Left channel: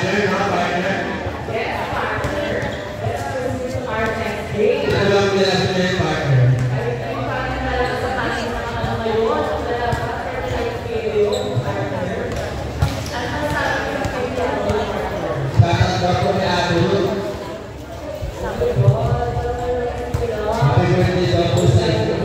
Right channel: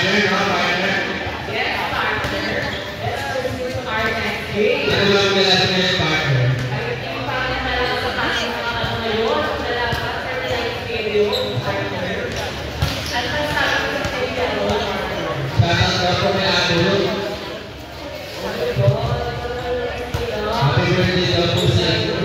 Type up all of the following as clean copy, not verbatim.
Partner, no? Partner. Yes, partner. Let's proceed to our next game. Ito lang nila sa mga partner. Happy birthday daw po sa inyo.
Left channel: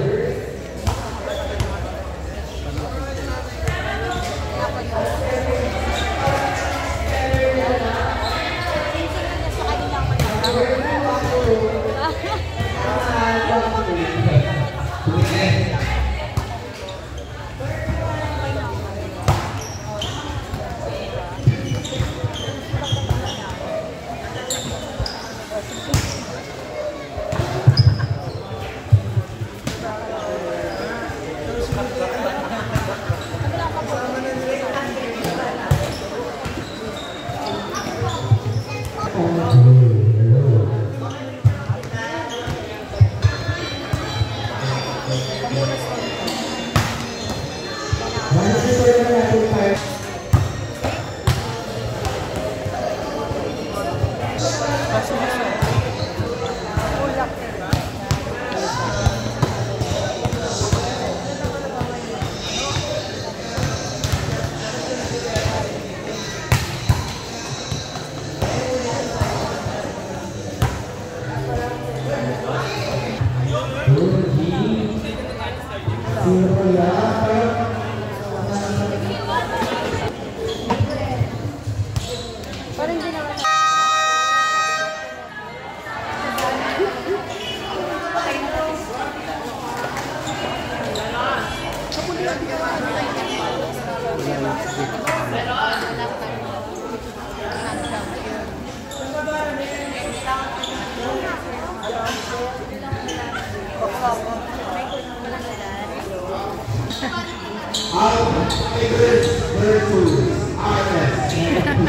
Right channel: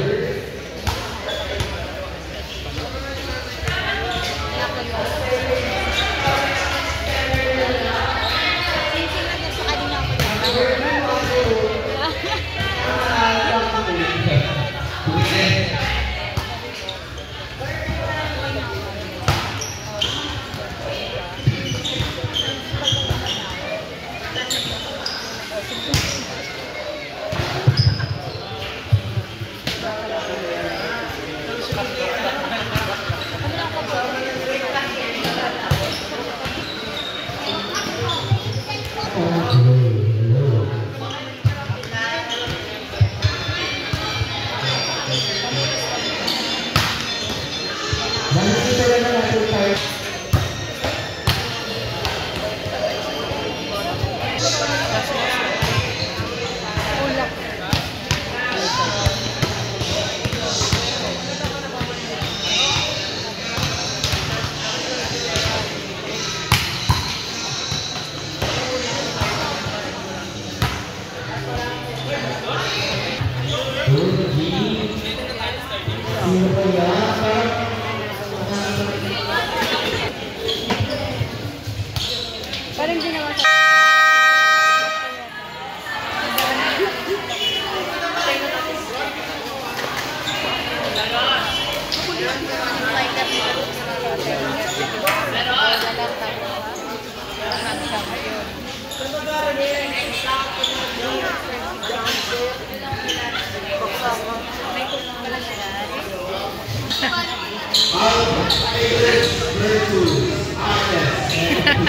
Our favorite virtues, artists, and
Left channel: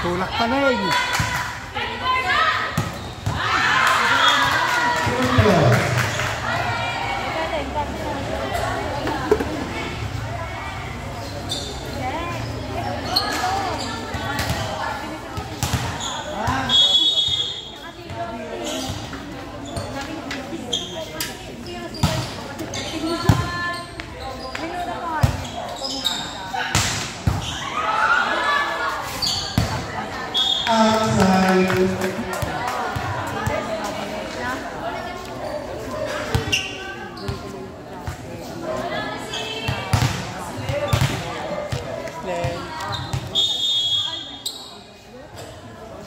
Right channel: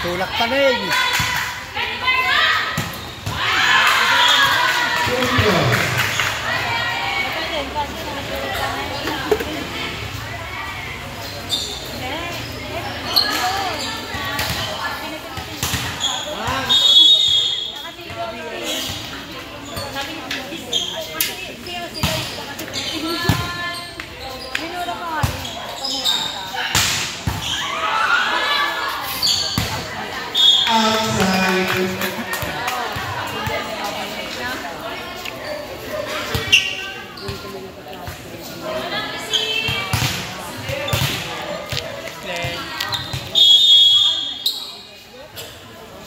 tulak panig.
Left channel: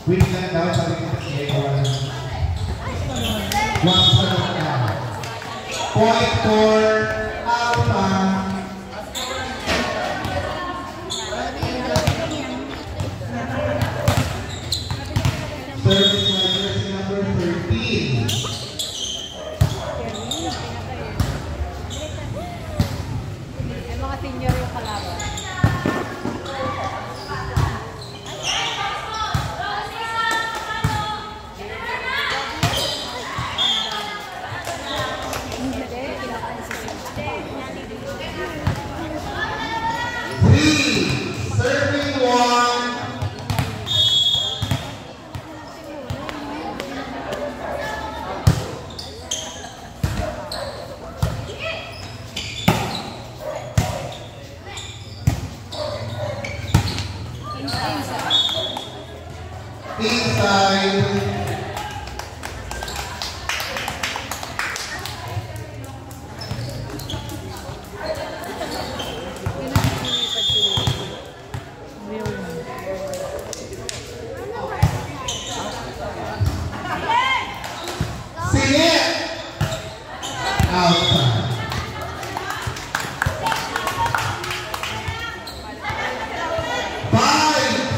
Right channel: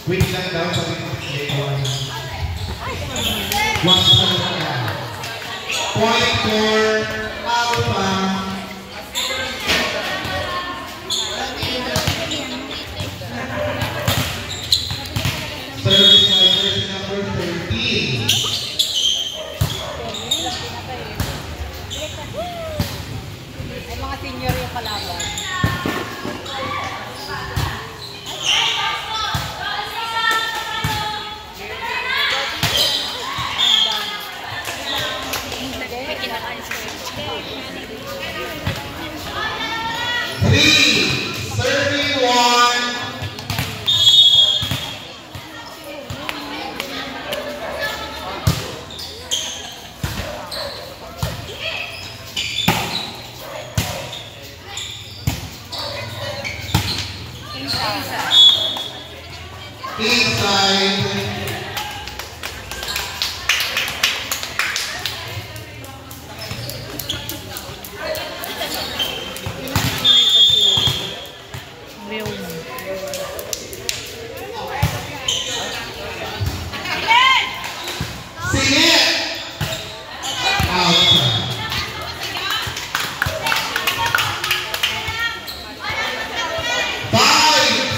Wait lang daw sa mga point for Alpha. Service by jersey number 13. Mga senior yung kalaban. Serving one. Inside. Sing it. Outside.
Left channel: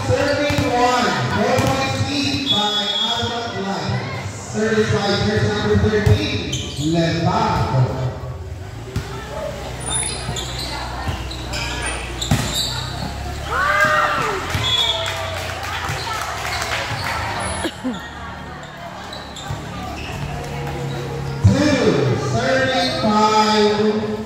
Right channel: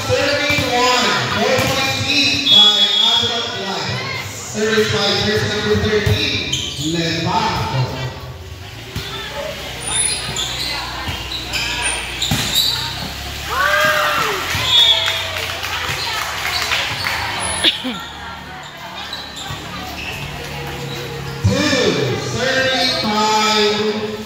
Serving one. 4 points each by Albert Light. Service by jersey number 13, Levaco. 5.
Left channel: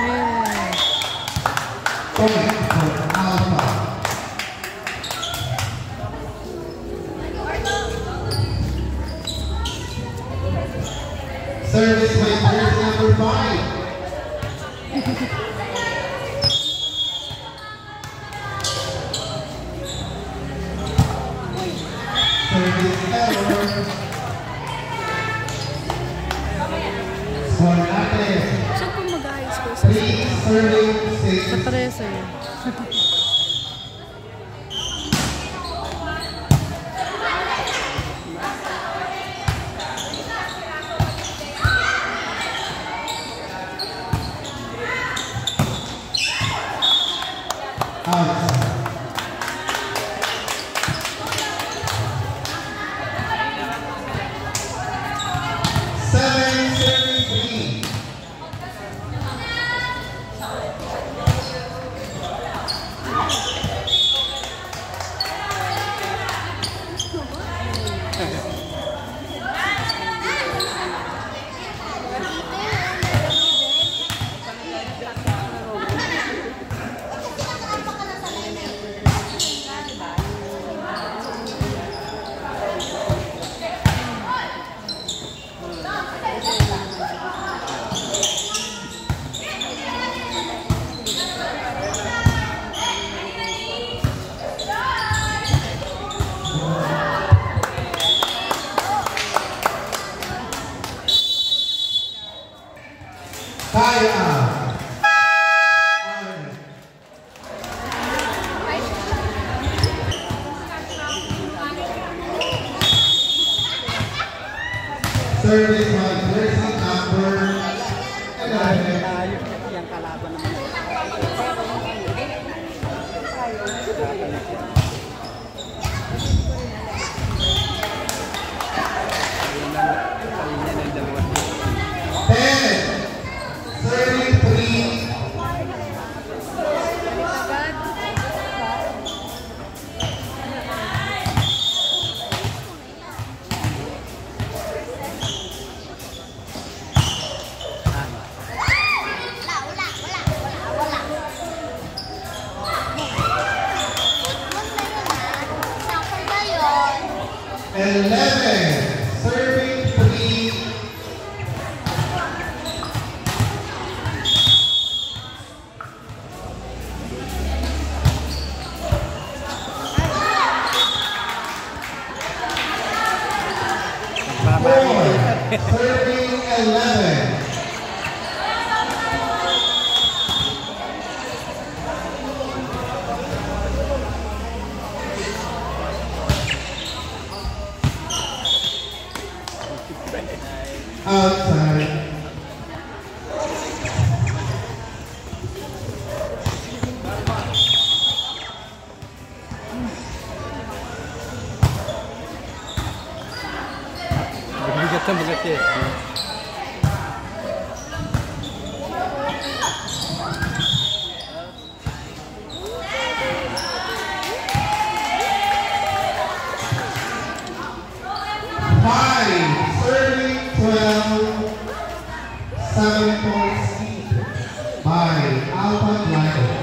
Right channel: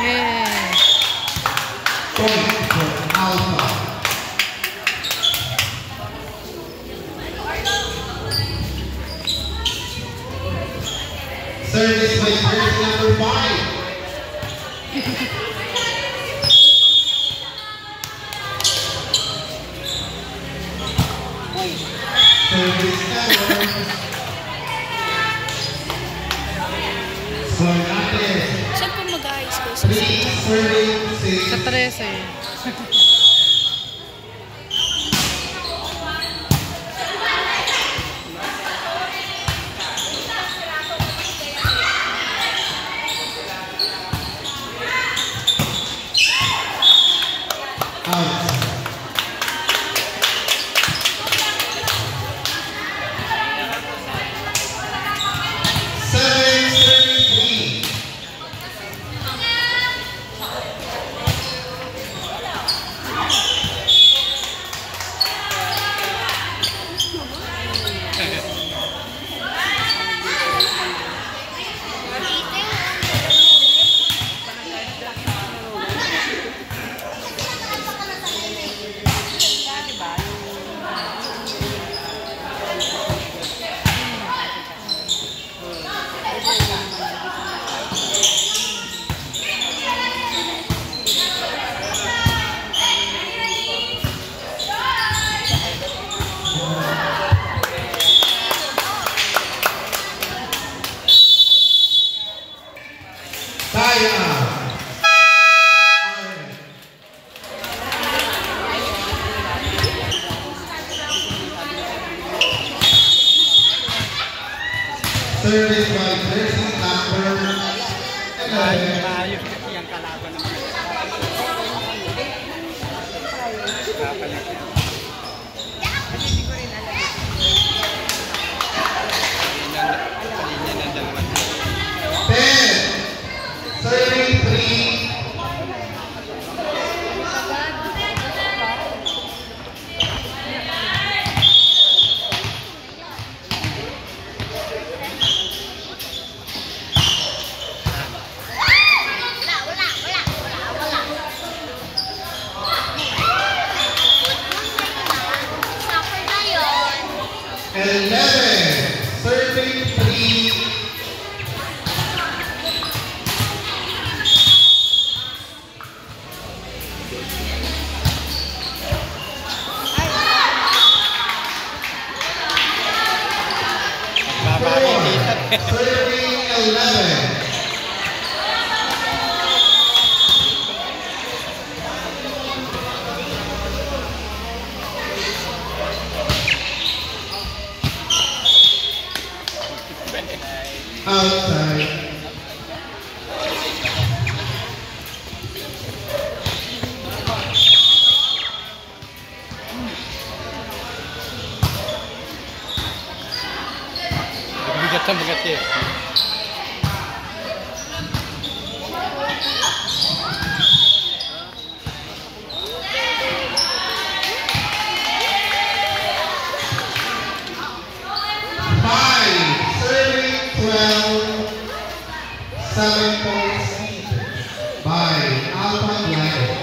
Yay! Point for Alpha. Service by jersey number 5. Service error. Score natin. Saan po mag-high school? Sa 3-36. 13 eh. Out. Seven 33. Tie out. Service by jersey number 11. Maayos kasi yung kalaban naman. Kapalit yan. Kanina nandiyan naman. 10, 33. And 11, serving 3. Serving 11. Outside. Bigat sa bigat eh. Five, serving 12, 7 points by Alpha Gliders.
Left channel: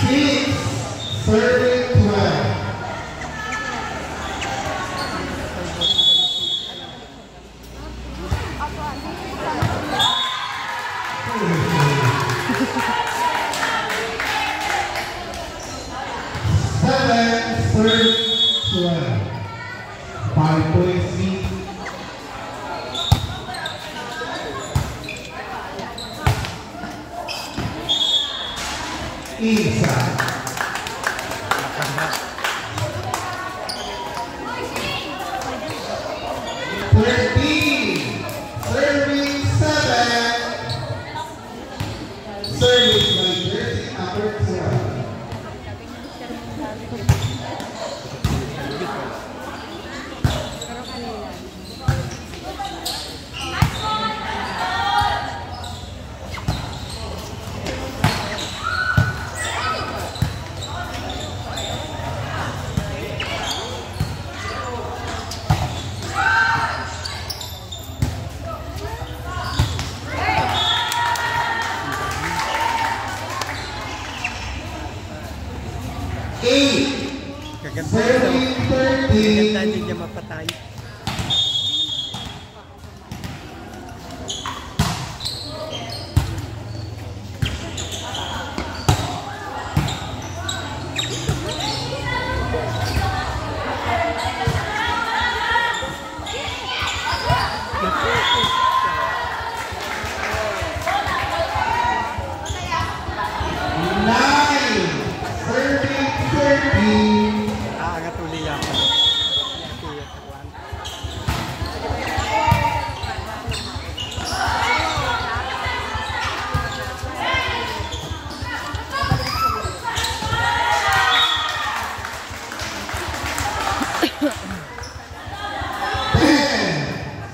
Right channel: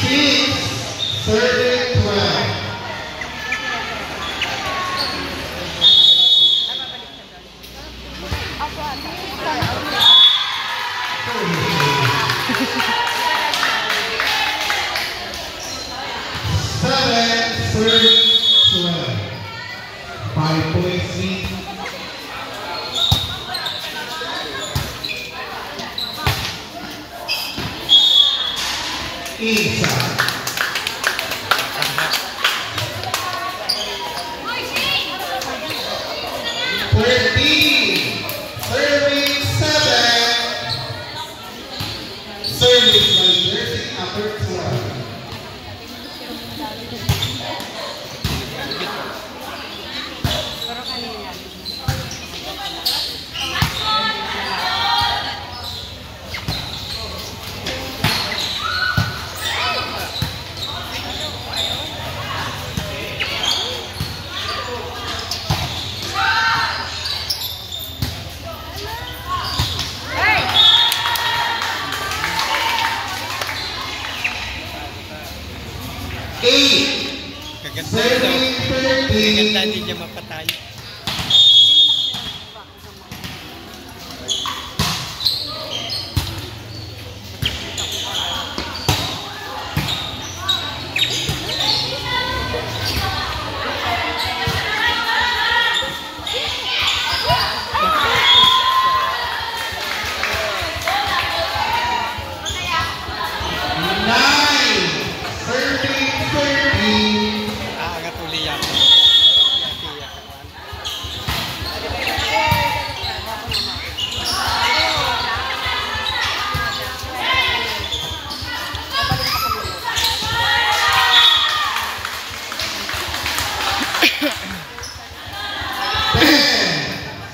Six, serving 12. Seven, third, 12. 5-point lead. Inside. 13, serving 7. Serving by jersey number 12. Serving 13. Hindi niya mapatay.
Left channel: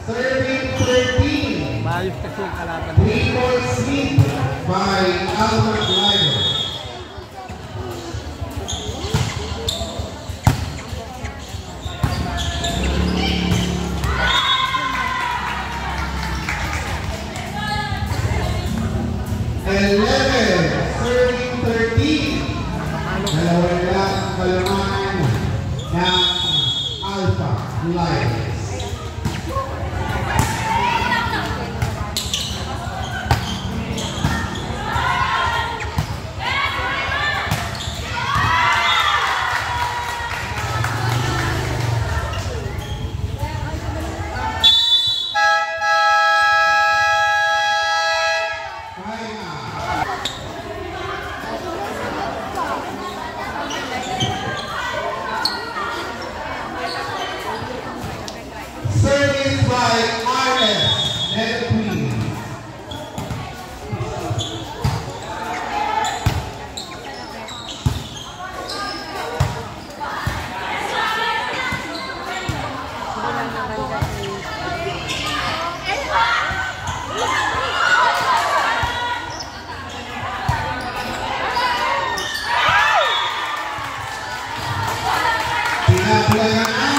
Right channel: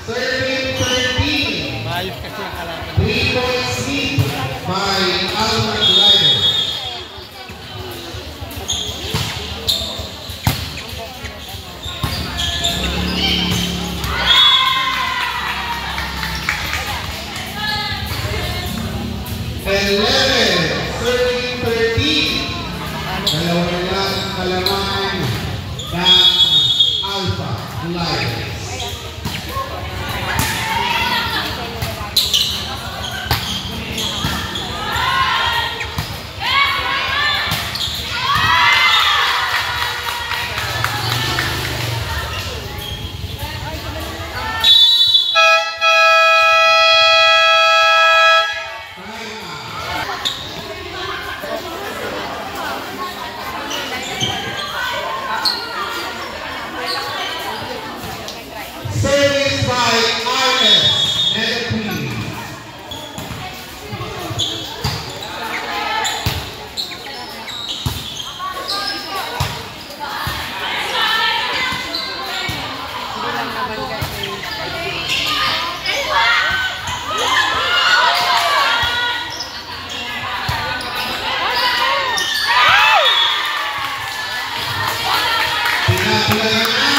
Serving 13. Maayos kasi yung kalaban. 3-point lead by Albert Liger. Serving 13. Dalawang lang ang kalaman ng Alpha Lions. Service by RS and Queen. Pinaplayan na.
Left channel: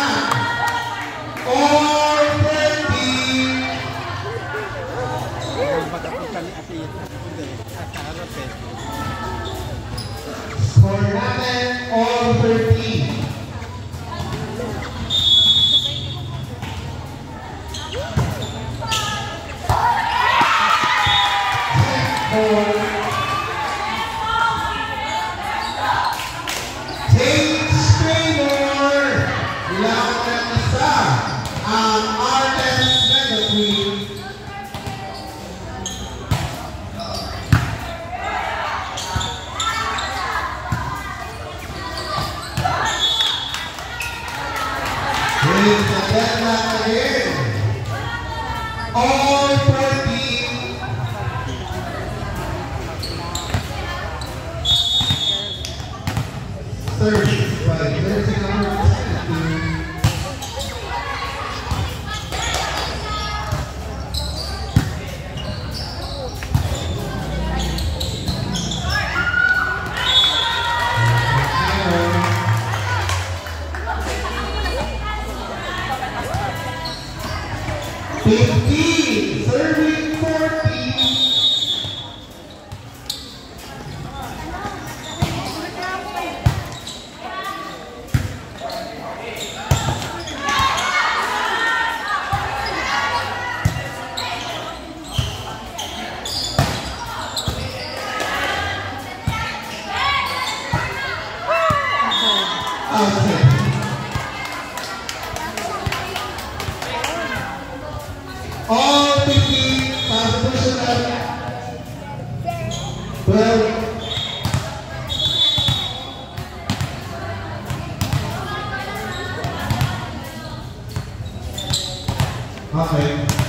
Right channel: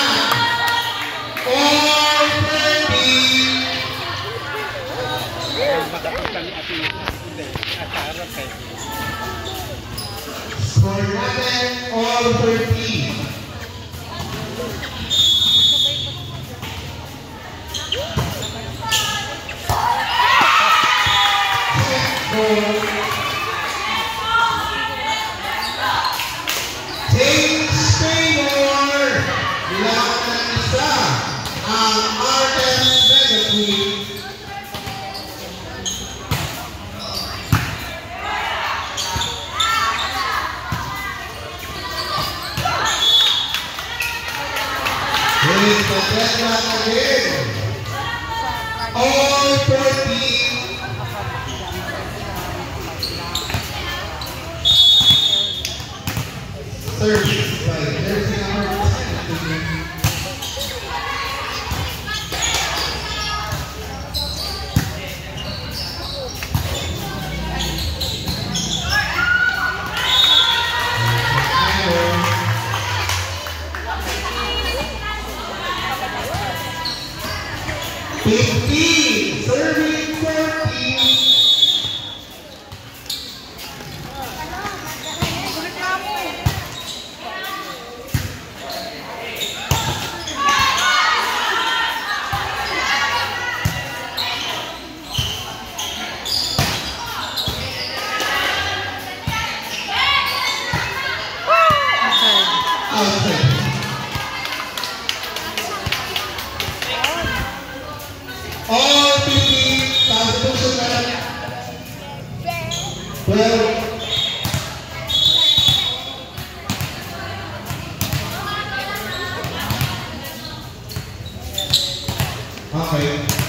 Score natin all 13. James Taylor, bilang ng isa ang Artist Mega Queen. Here's the deadline again. All 14. Service by jersey number 10. Serving 14. Okay. Outside. All 15, substitutional. 12. Okay.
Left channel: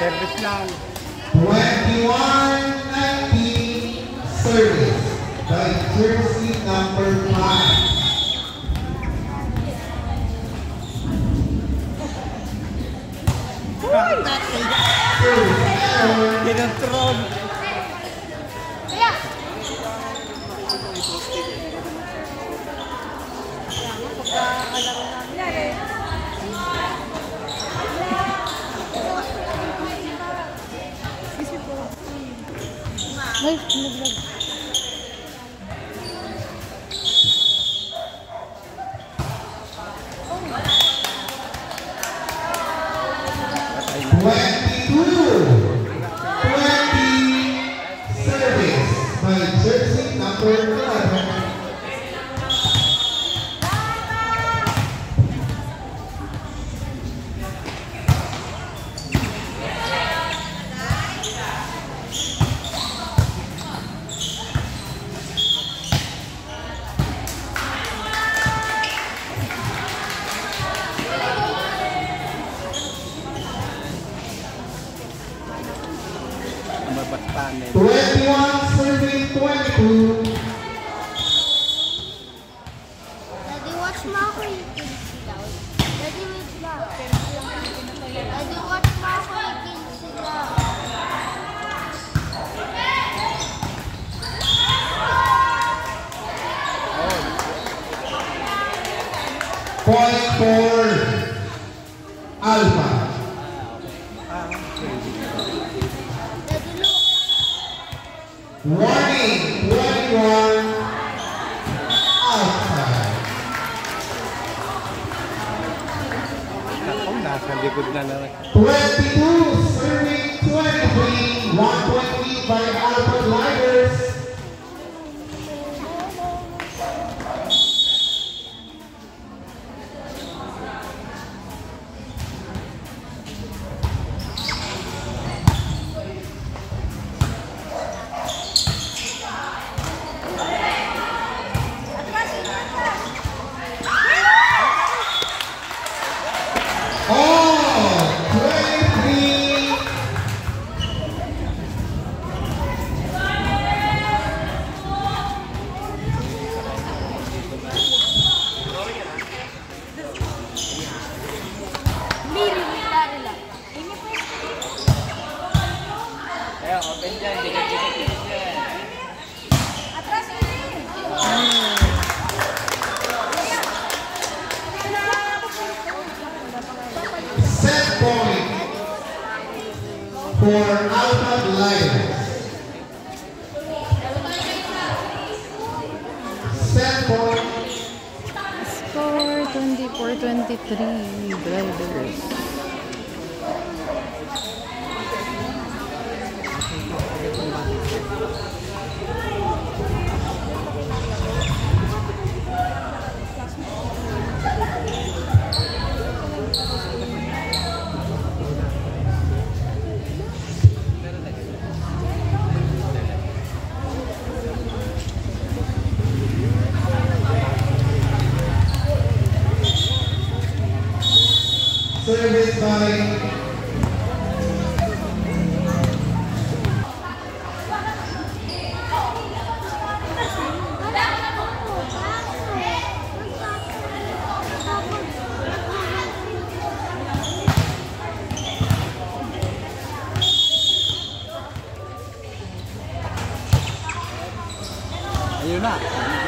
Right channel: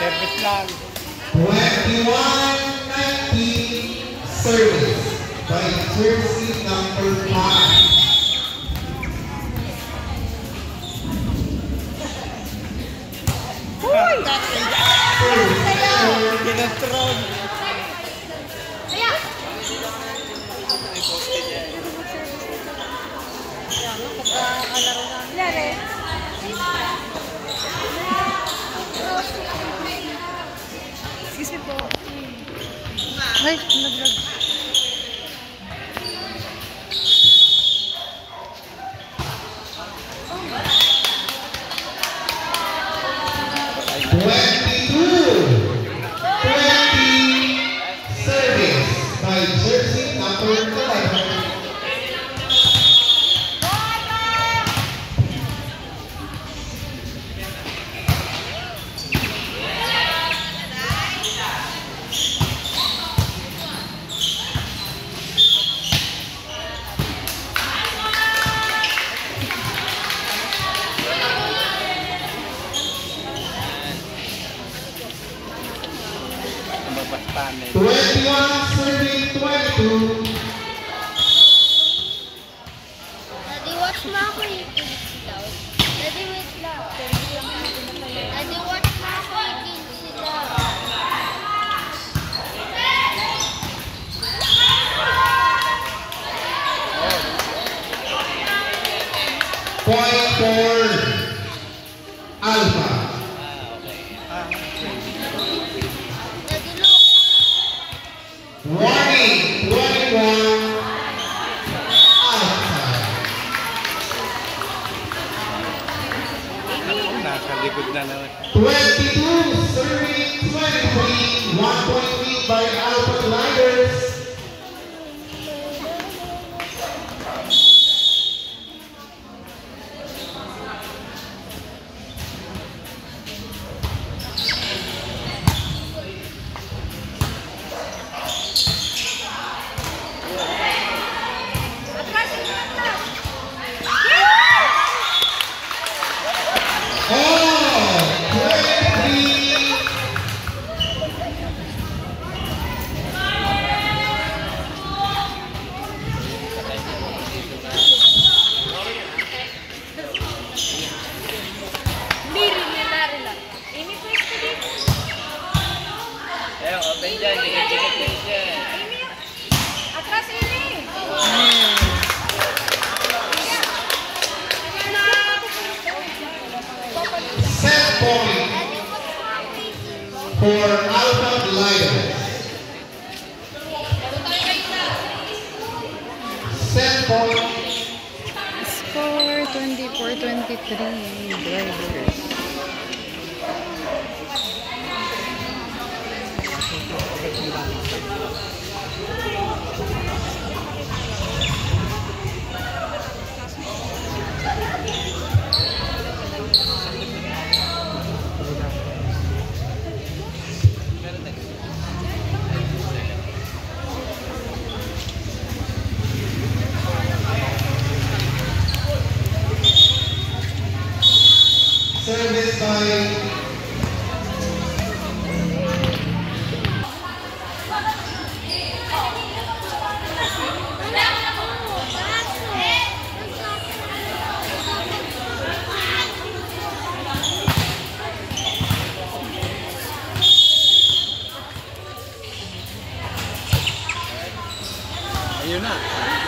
Service lang. 21-19 service by jersey number 5. Ginatron. Ay, naglag. Service by jersey number 11. Mabastanin. 21 serving 22. Daddy, watch mo ako yung loud. Daddy, wait lang. Daddy, watch mo ako yung Point for Alpha. Daddy, look. Warning, 21 outside. Ako, nasa likod na lang. 22 serving 23. 1 point lead by Alpha Gliders. Oh, 23. Open dyan, dikit-dikit din dyan. Set point for Alpha Gliders. Set point. Score 24-23. Gliders. Service by Ayun na.